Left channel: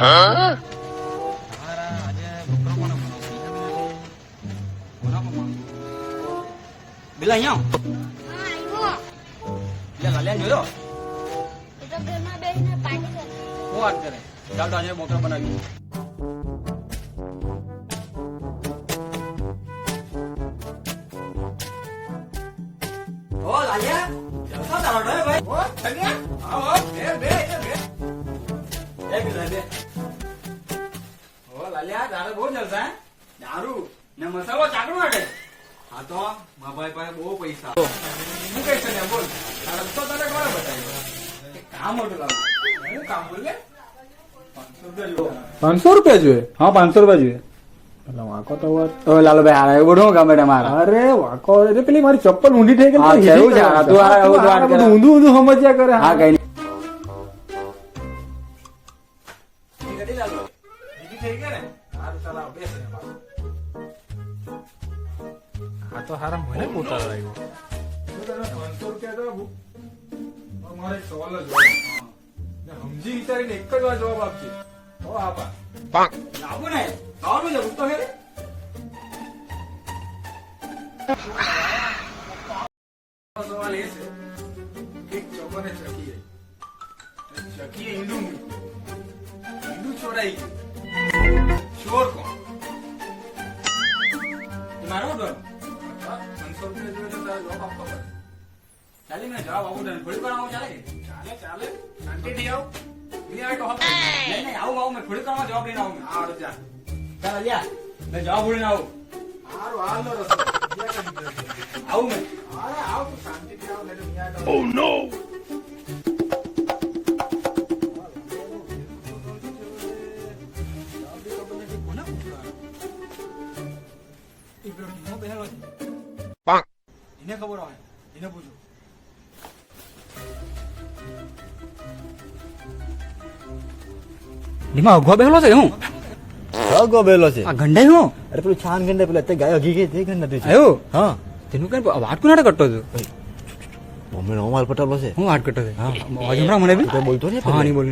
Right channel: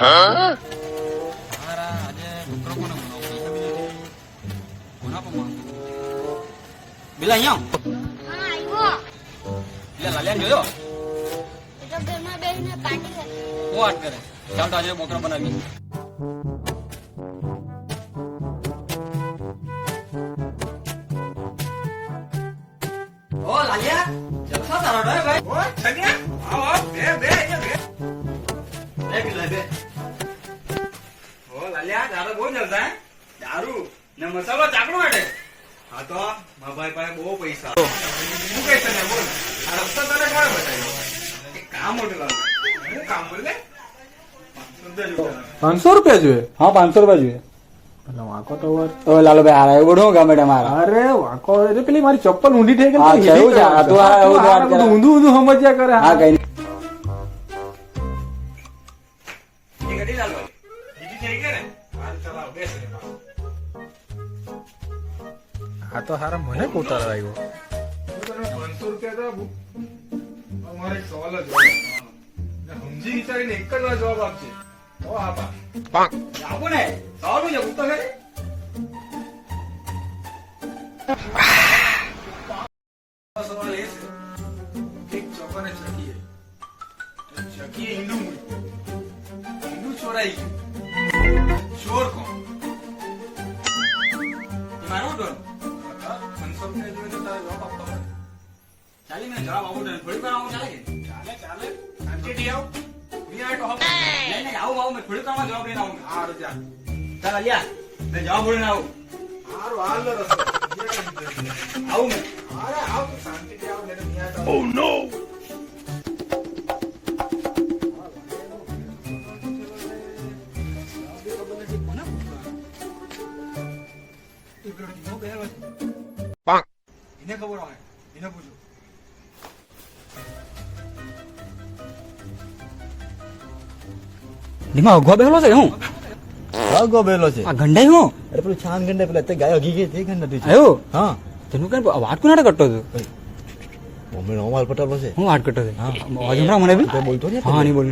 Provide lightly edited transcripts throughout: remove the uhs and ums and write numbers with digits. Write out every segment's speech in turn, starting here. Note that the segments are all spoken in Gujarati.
તારા આજે બકરો કોને બનાવો પૈસા બી નથી કોના પર માંગુ પેલા અહીંયા હા આવ્યો એટલે લાલિયાને જોયો એ તો ઘરમાં બેસીને પાર્ટી કરે હું વાત કરે ચાલ તો આજે બકરો બનાવી ઓ લાલિયા જલસા તારો ભાઈ ઓ થગ્યા આવો બે બે ઓ લાલિયા દારૂ બહુ જલસા હે દારૂ ને મસાલો ચાકડો માટે હા તો મા ભાઈ પાસે બહુ પૈસા હું કઈ તને બોલ આ રસ્તો તને કોણ બતાવ્યો કે કામ મોટું લાવું હું કામ બોલ લે 500 રૂપિયા જોઈએ? હા 500 રૂપિયા જોઈએ. એટલે વાંકો તો વાત. ઓ લાલુભાઈ હારા એવું બધું ગમે મારા. અરે વાંકો એટલે પેલી મારી ચપ્પલ ઊંધી થઈ ગઈ. હા, એવું છે. હા, તું આ એવું વાત કરે. બધું ઊંધું સમજ્યા કરે. હા કઈ એ ગડી ચાલો બીજી થઈ ગઈ ને હાલ ચલાવ બેસ ને બાબુ આ તો હારા મને પોતા આવ્યો. શું તને 500 રૂપિયા તો અમારે એક સવાલ જ હોય. ને સમજી વિચારીને એક જ વાર જવાબ આપજે તો આપા આવું ને સારું છે ઉત્તર હે સવાલ એ છે એક ચોકને ચકી ચકી ઈંડું મૂડી ઈંડું ચોરાઈ ગયું ચોર કોણ મારો ડોન 500 રૂપિયા જોડે તો તારે જવાબ આપવો પડે. ચાલી મને જવાબ આવું ડોન થોડી વાર આવું ચાલે ચાલે શાંતિથી આવ નહીં આવે તો હપ નહીં નહીં આવું મેં થોડી વાર જવાબ લઈને આવું મેં હારું ચાલ ચાલ અલિયા મેં જવાબ બોલીને આવું હારું હાલ નો રસ્તો આવું મેં અરે આવ તું શાંતિથી આવ નહીં આવે તો ઓ નો એને ખબર હોય એને પૂછો ધીમા અગવા બેહલો છે હું વાંકો બેલો છે. આ ગંડાઈ હું અરે પેલું છાન ગંડા પેલા તે ગાય હગી ગઈ તે ગંડા તું. આવ્યો હા તેનું કઈ વાટ કોનાડે કરતો હતો મમ્મી નોમાલ પટાલો છે. હું વાટ કરતો હતો અવાજ હમણાં મને બી તો બોલતો ને હા નહીં બોલ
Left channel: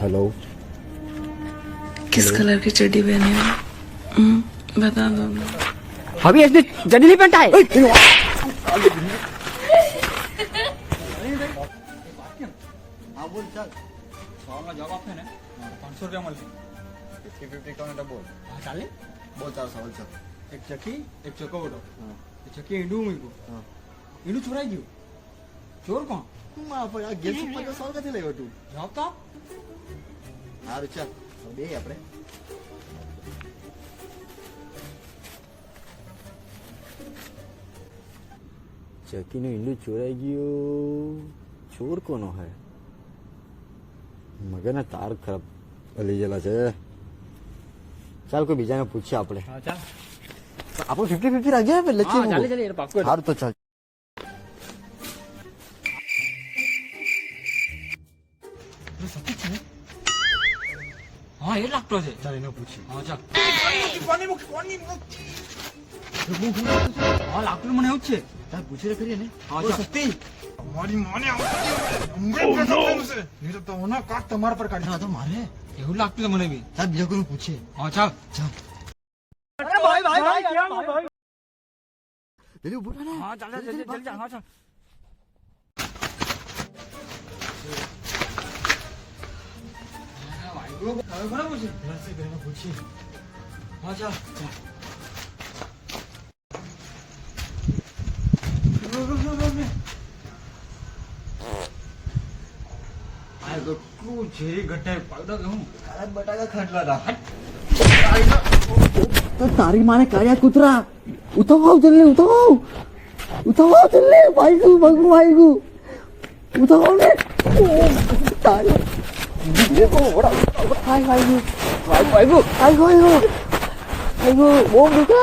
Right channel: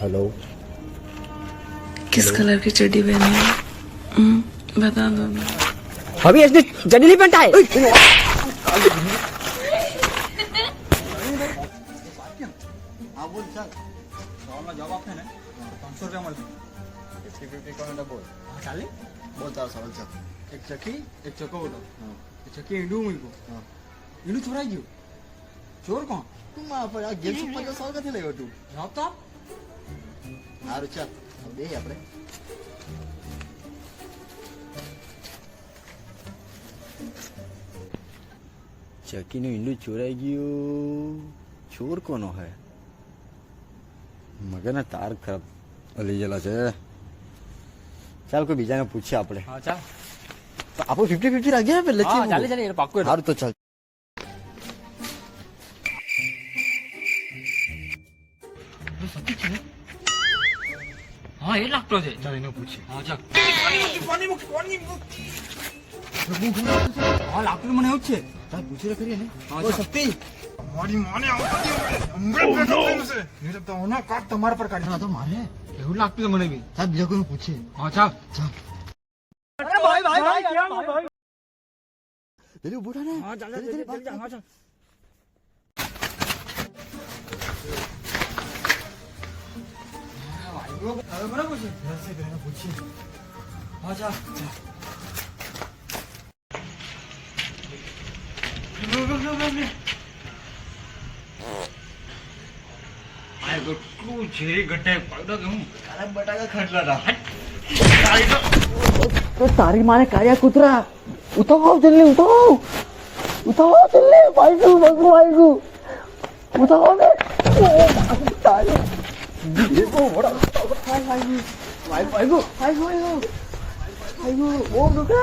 હેલો किस कलर की चड्डी पहनी है बता दो ना अभी इसने जड़ी नहीं पहनता है હા બોલ ચાલ સવાલનો જવાબ આપે ને 500 રૂપિયા મળશે 50-50 કોને બોલ હા ચાલે બોલ તારો સવાલ છે. એક ચકી એક ચકોવટો એ ચકી ઈંડું મૂક્યું ઈંડું ચોરાઈ ગયું ચોર કોણ માં પર આ ગેમ ઉપર તો સવાલ ક્યાંથી લાવ્યો તું? જવાબ તો હારું ચાલ બે આપણે ચકીનું ઈંડું ચોરાઈ ગયું. ચોર કોનો હે? મગરના તાર ખરાબ લઈ ગયેલા છે. ચાલ કોઈ બીજાને પૂછીએ આપણે. હા ચાલ આપણે 50-50 રાખીએ ને હા ચાલે ચાલે પાક્કું સારું તો ચાલ. હા એ લાગતો છે ચાલ એને પૂછીએ. હા ચાલ હા લાગતું મને એવું જ છે ચાલ પૂછી તો કરીએ ને. હા ઓ ચાલ શક્તિ મારી માને આવતી તો ઓના કાટ તમારા પર કાઢી હા તો મારે એવું લાગતું છે મને બી ચાલ બીજા કોઈને પૂછીએ. હા ચાલ ચાલ જલ્દી ઉભો થા ને. હા ચાલ જલ્દી, જલ્દી, ભાગ, ભાગ. હા ચાલ હવે બરાબર છે એને પૂછીએ. હા ચાલ આ કેટલું ઝેરી ગટ્ટાઈ પાડો કે હું તારા બટાકા ખટલા હતા. तो तारी माने काया कुतरा उठाओ जल्दी उठाओ जल्दी भाई को उठाओ ने तारी भाई को वो दुका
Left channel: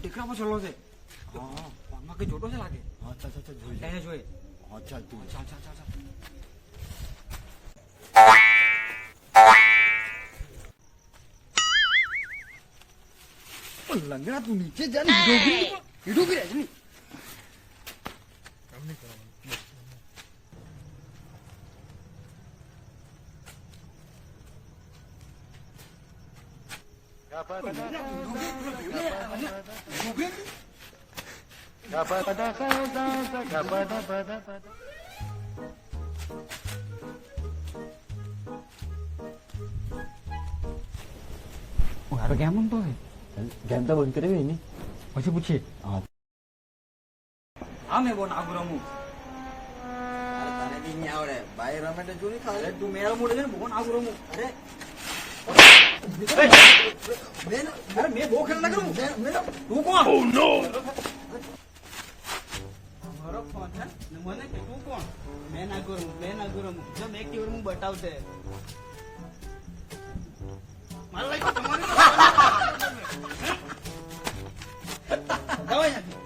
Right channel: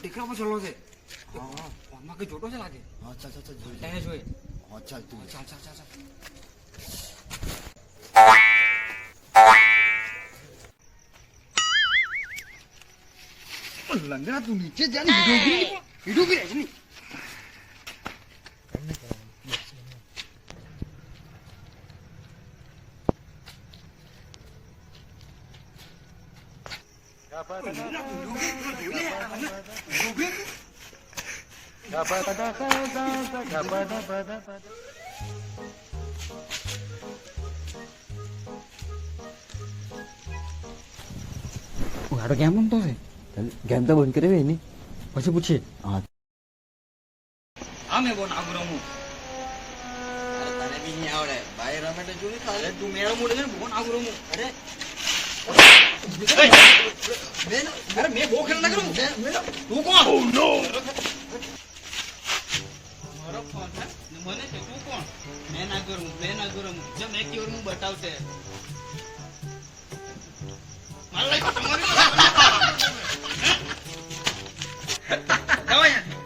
ટેકરા પર ચલો છે હા ફોનમાં કઈ જોટો છે લાગે હા ચાલ ચાલ ચાલ જોઈએ. એને જોઈએ હા ચાલ તું ચાલ ચાલ ચાલ ચાલ લંગડા તું નીચે જા ને હીડો ગી રજની. હારો કેમ બનતો છે ગેમ તો બંધ કરી એની પછી પૂછીએ હા હા મેં બહુ નાગુ રમું અરે તને બી નહીં આવડે ભાઈ રમે તો જોયું ખાલી અરે તું મેળો મોડે છે ને બહુ નાગુ રમું અરે અરે મેં બહુ ખેલ ના કરું તું કોણ મારો ફોન છે ને મને કે તું કોણ મેં ના કરું જો મેં કેવું હું બતાવતે મારા લાઈક તમારી જાવ અહીંયાથી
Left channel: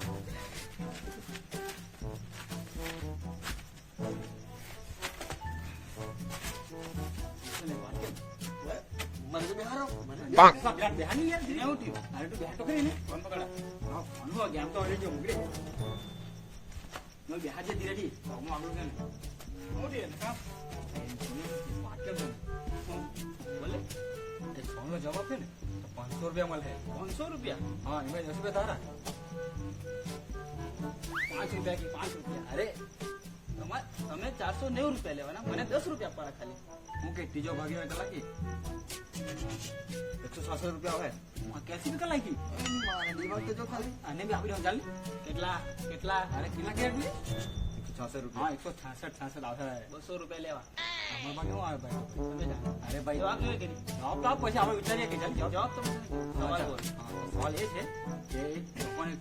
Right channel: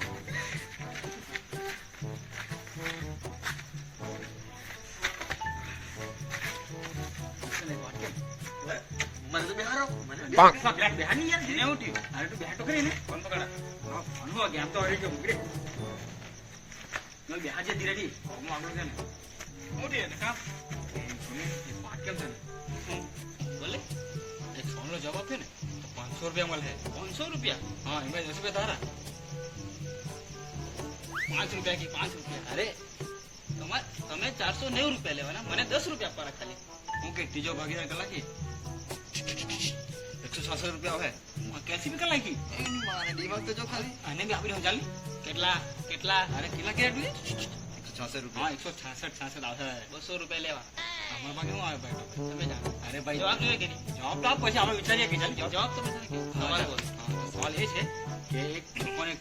મને તો બિહારો મને બેહાની યાર જેને ઉઠ્યું અરે તું બેહાટો કરીને ફોન પકડા હા ફોન હો ગેમ તો હરી ગયો મુગડે નો બેહાજે ધીરે ધી હું આગળ છે ને ઉઠી ને કા વાત કેમ છે બોલે એક ફોનનો જવાબ આપ્યો ને તો 500 રૂપિયા મળે 500 રૂપિયા હા એમાં 10 રૂપિયા તારા 5 રૂપિયા કે 5 રૂપિયા અરે તમે 490 રૂપિયા લેવાના મને 10 રૂપિયા આપવાના ખાલી હું કે ત્રીજો ભાગીદાર કલાકી 166 રૂપિયા આવે કેસી બી કલાકી એની માને દિમાગ તો જો ખાલી આને બી આપી દઉં ચાલી કેટલા અરે કેટલા કે એટલું 166 રૂપિયા હા 166 આવશે 200 રૂપિયા લેવા અમારા ભાગે શું આવે ભાઈ તમે જાણો અરે ભાઈ જવાબ જોઈએ કે નહીં જવાબ તો આપ પછી આપણે વિચારીએ કે ચાલ જવાબ તો સવાલ બોલ સવાલ એ છે કે એક લોકોને એક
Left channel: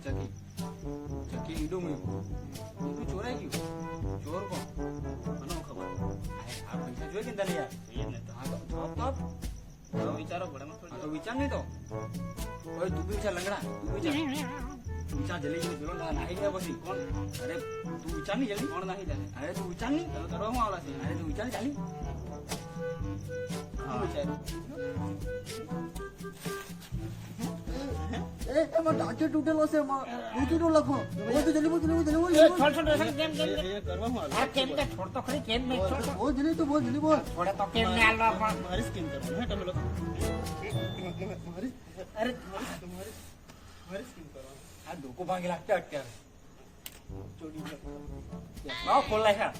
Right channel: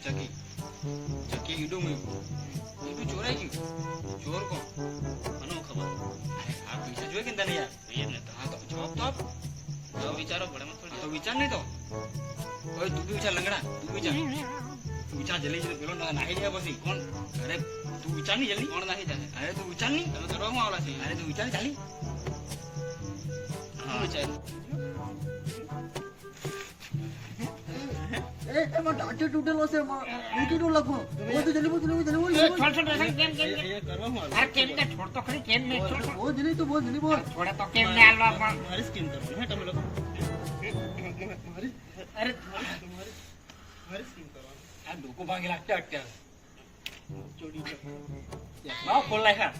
ચકી ઈડું મૂક્યું ઈડું ચોરાઈ ગયું ચોર કોણ મને ખબર અરે આ પૈસા જોઈએ કે તને યાર એ ને તો હા તો જવાબ તો આપ વિચારો પડે તો વિચાર નહીં તો ઓય તું બી વિચાર લંગડા તું વિચાર જલ્દી પેલો નાહી જાય પછી કોણ અરે તું વિચાર નહીં જલ્દી કોણ નાહી જાય અરે તું વિચાર નહીં તમે કરવા આવલા છે અરે તું વિચાર ચાલી હા વિચાર એમાં ટાંચો તૂટેલો છે મૂકી દો લખો બોલ જલ્દી બોલ કરવા જલ્દી બોલ મારી સ્કીમ કરવાનું હે તમે લોકો મારી સ્કીમ કરવાનું આ ડોકો ભાગે લાગતા અત્યારે ચોડી બાવ ખોલ લાખ્યા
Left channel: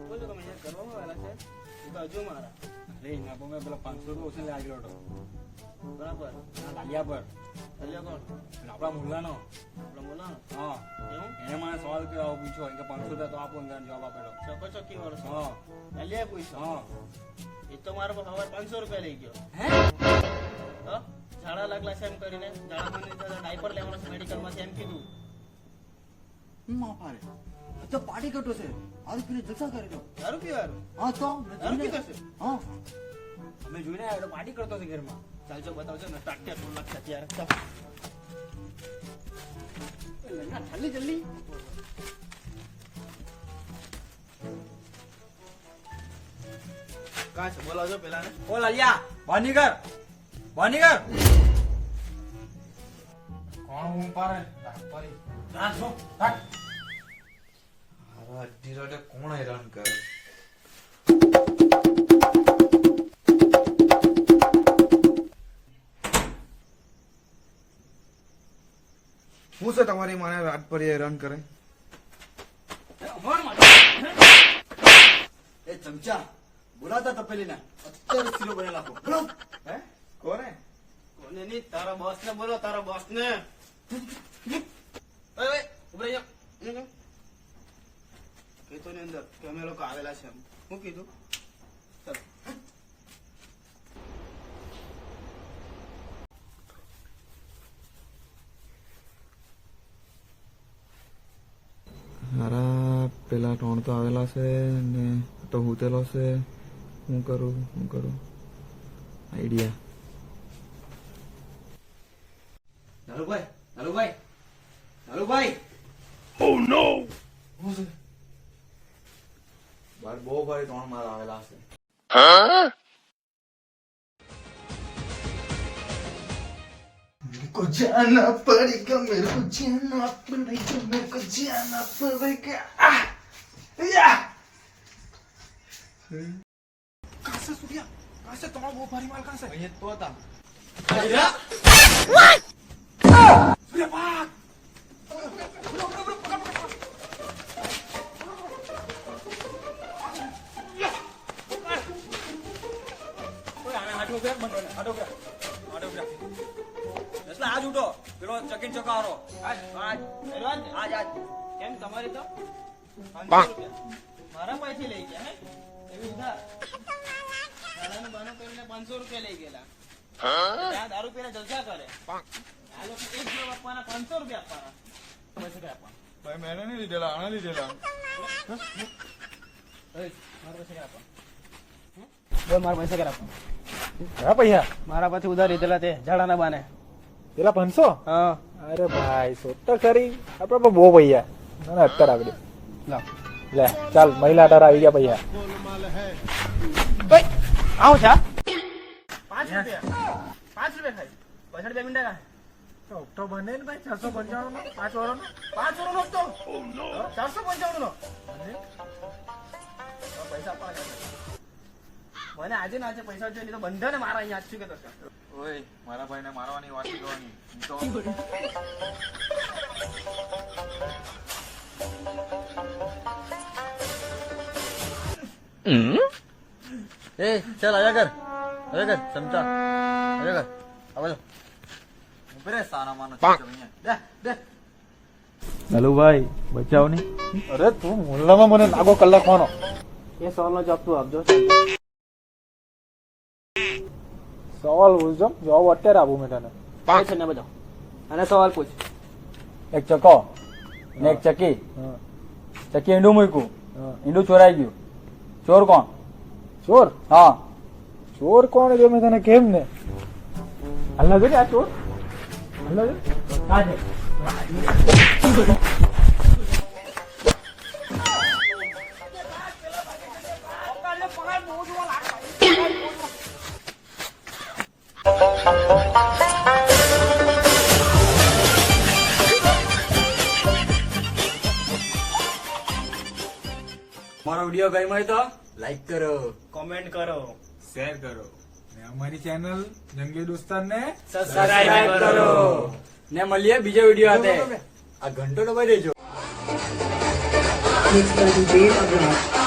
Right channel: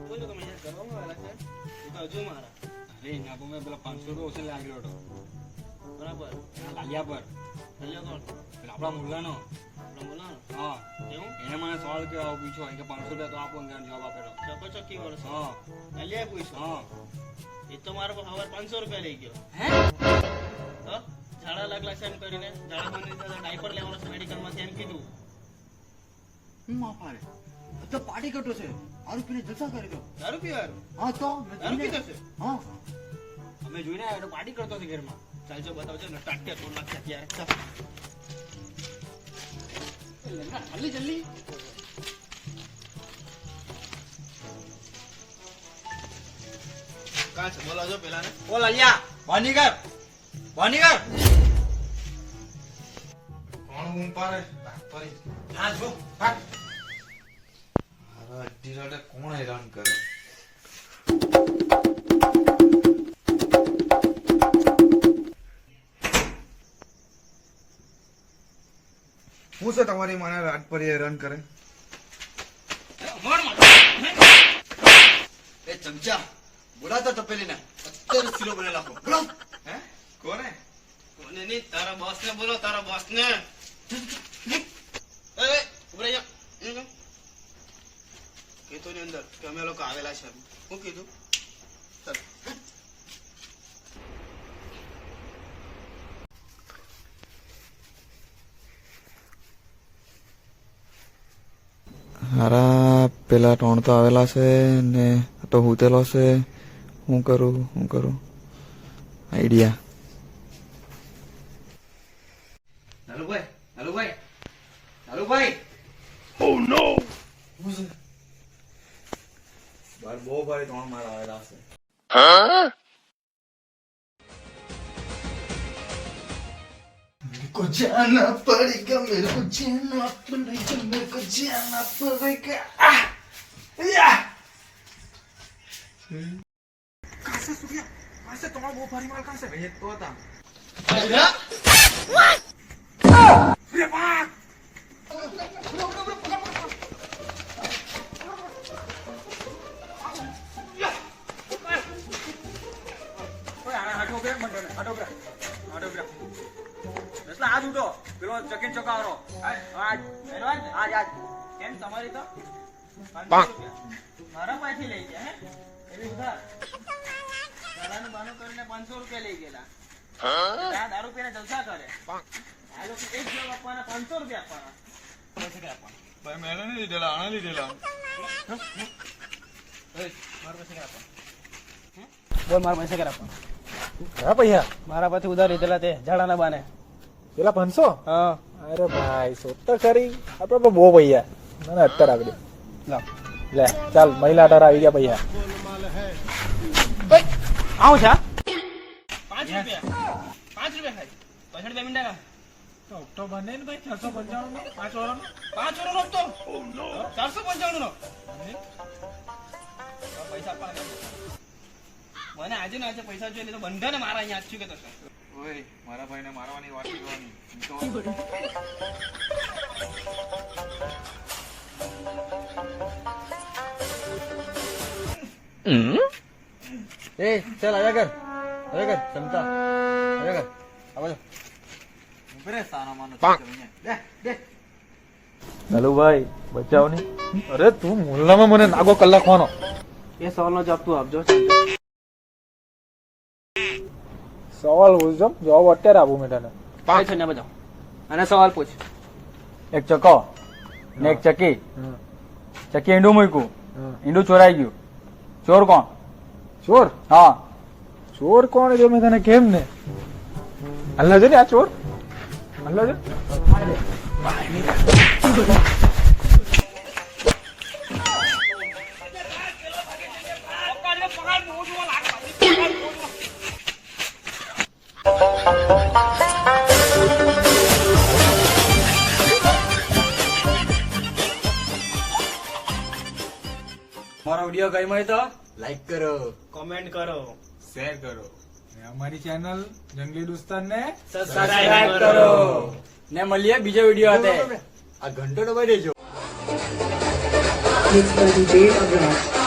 બોલો તમે યાર કરવામાં આવેલા છે તો હજુ મારા અરે ના તો મેં પેલા 500 રૂપિયા ઓછે લાગ્યો હતો બરાબર લાગ્યા પર કોણ આપણા મુલ્લાનો હા એવું એને મને સવાલ કે પૂછો કે 500 રૂપિયા તો આપો ને જવાબ આપેલો ચકી વાળો હા લાલ્યા પૂછો હા એ તો મારો હવે 500 રૂપિયા લઈ ગયો હે તો ઝાડા લાગલા છે એમ કરીને ઝાડા મને ડાયપર લેવાનો છે મેડિકલ માંથી એમ કીધું માં પાડે તો પાર્ટી કટો છે આરું પીને જલસા કરી દો દારૂ પીવાનું હા તો દારૂ પીતો છે હા અમે જોઈને આવ્યો પાર્ટી કરતો છે ઘરમાં ચાલજો બતાવજો ને ટાટિયા તોડ નાખ્યા ત્યારે ચાલ જલ્દી કાં છે બોલાવજો પેલા ને ઓ લાલિયા વાનીગર કોણ હું પારે તારી ના જો હારા અડધી રાતે કોણ હેરાન કરે હું છે તમારી માને રાત પર હેરાન કરે એ ચમચા બોલાતા તપેલીને અત્યારે શીરો બને નાખો બોલો હે કોને કોને નહીં તારા બોસ ને બોલો તારા બોસ ને ઓય ઉભરે જા કીધું ની અંદર કે અમે લોકો આવેલા છે હું કીધું હારા પેલા ત્રણ તો આવેલા છે ને તો હુતેલો છે હું કરું આઈડિયા લાલુભાઈ બાર બહુ ભાઈ ત્રણ મારા આવેલા છે को जाना पड़ेगा मेरे को जाना पड़ेगा मेरे को जाना पड़ेगा या कहाँ से सूर्या कहाँ से तुम्हारा वो भारी माल कहाँ से ये तो था सूर्या भाग હાથ ઉઠો પેલો ચકીન ચોકારો કેમ તમારી તો 500 રૂપિયા મારા પાસેથી લઈ ગયા હે એવી ઉધાર મારાનું બાનું કરીને 500 રૂપિયા લઈ ગયેલા ત્યાં દારૂ પીને જલસા કરે આ લોકો એક જવાબ આપવાના 500 રૂપિયા આપવાના પૈસા કે આપવાના ભાઈ મેં નહીં લીધેલા આણા લીધેલા મારા પૈસા કે આપવાના બોલ મારા પૈસા કે આપવાના હા પૈસા મારા પાસેથી ઉધાર લીધેલા તે ઝાડાના બાને પેલા 500 હા અરે ભાઈ સોત તો ખરી આપડે પણ બહુ પૈયા ના ના અત્યારે આગળ લાવ લે ચાલ મહિલા અઢાર આવી ગયા પૈયા આવું છે 5 રૂપિયા 5 રૂપિયા ખાઈ પૈસા 2 મિનિટ તો ઓક્ટોબર ને ભાઈ 495 નો 5 વાળો 5 વાળો તો 495 નો પૈસા આપવાના મને આજે ના આજે પૈસા જોઈએ તો બંધાને મારા અહીંયા આજ છું કે તો ઓય મારા ભાઈને મારવાની વાત કરવાની તો એ ચાલ આવ્યા કર સમતા આવ્યા કર આવો ઉપરે સાના માનો અહીંયા દે નલુભાઈ બચાવ નહીં અરે તું મુલ્લામાં મને નાગો કલાક માનો એ સવાલનો જવાબ તું આપજો સવાલ પૂછજો જવાબ અત્યારે આપું મેં તને છે ને બધા અને સવાલ પૂછ એક ચકો ને એક ચકી ચકી ઈંડું મૂક્યું ઈંડું ચોરાઈ ગયું ચોર કોણ ચોર હા ચોર કોણ જો મેં તને કેમ ને અલ્લા જો ને આ ચોર અલ્લા જો મારો વિડીયો ગમ્યો હોય તો લાઈક કરો કોમેન્ટ કરો શેર કરો ને અમારી ચેનલ જંગલી દોસ્તાર ને સબસ્ક્રાઇબ કરો ને મળીએ બીજો વિડીયો સાથે આ ઘંટો દબાઈ દેજો It's going to be a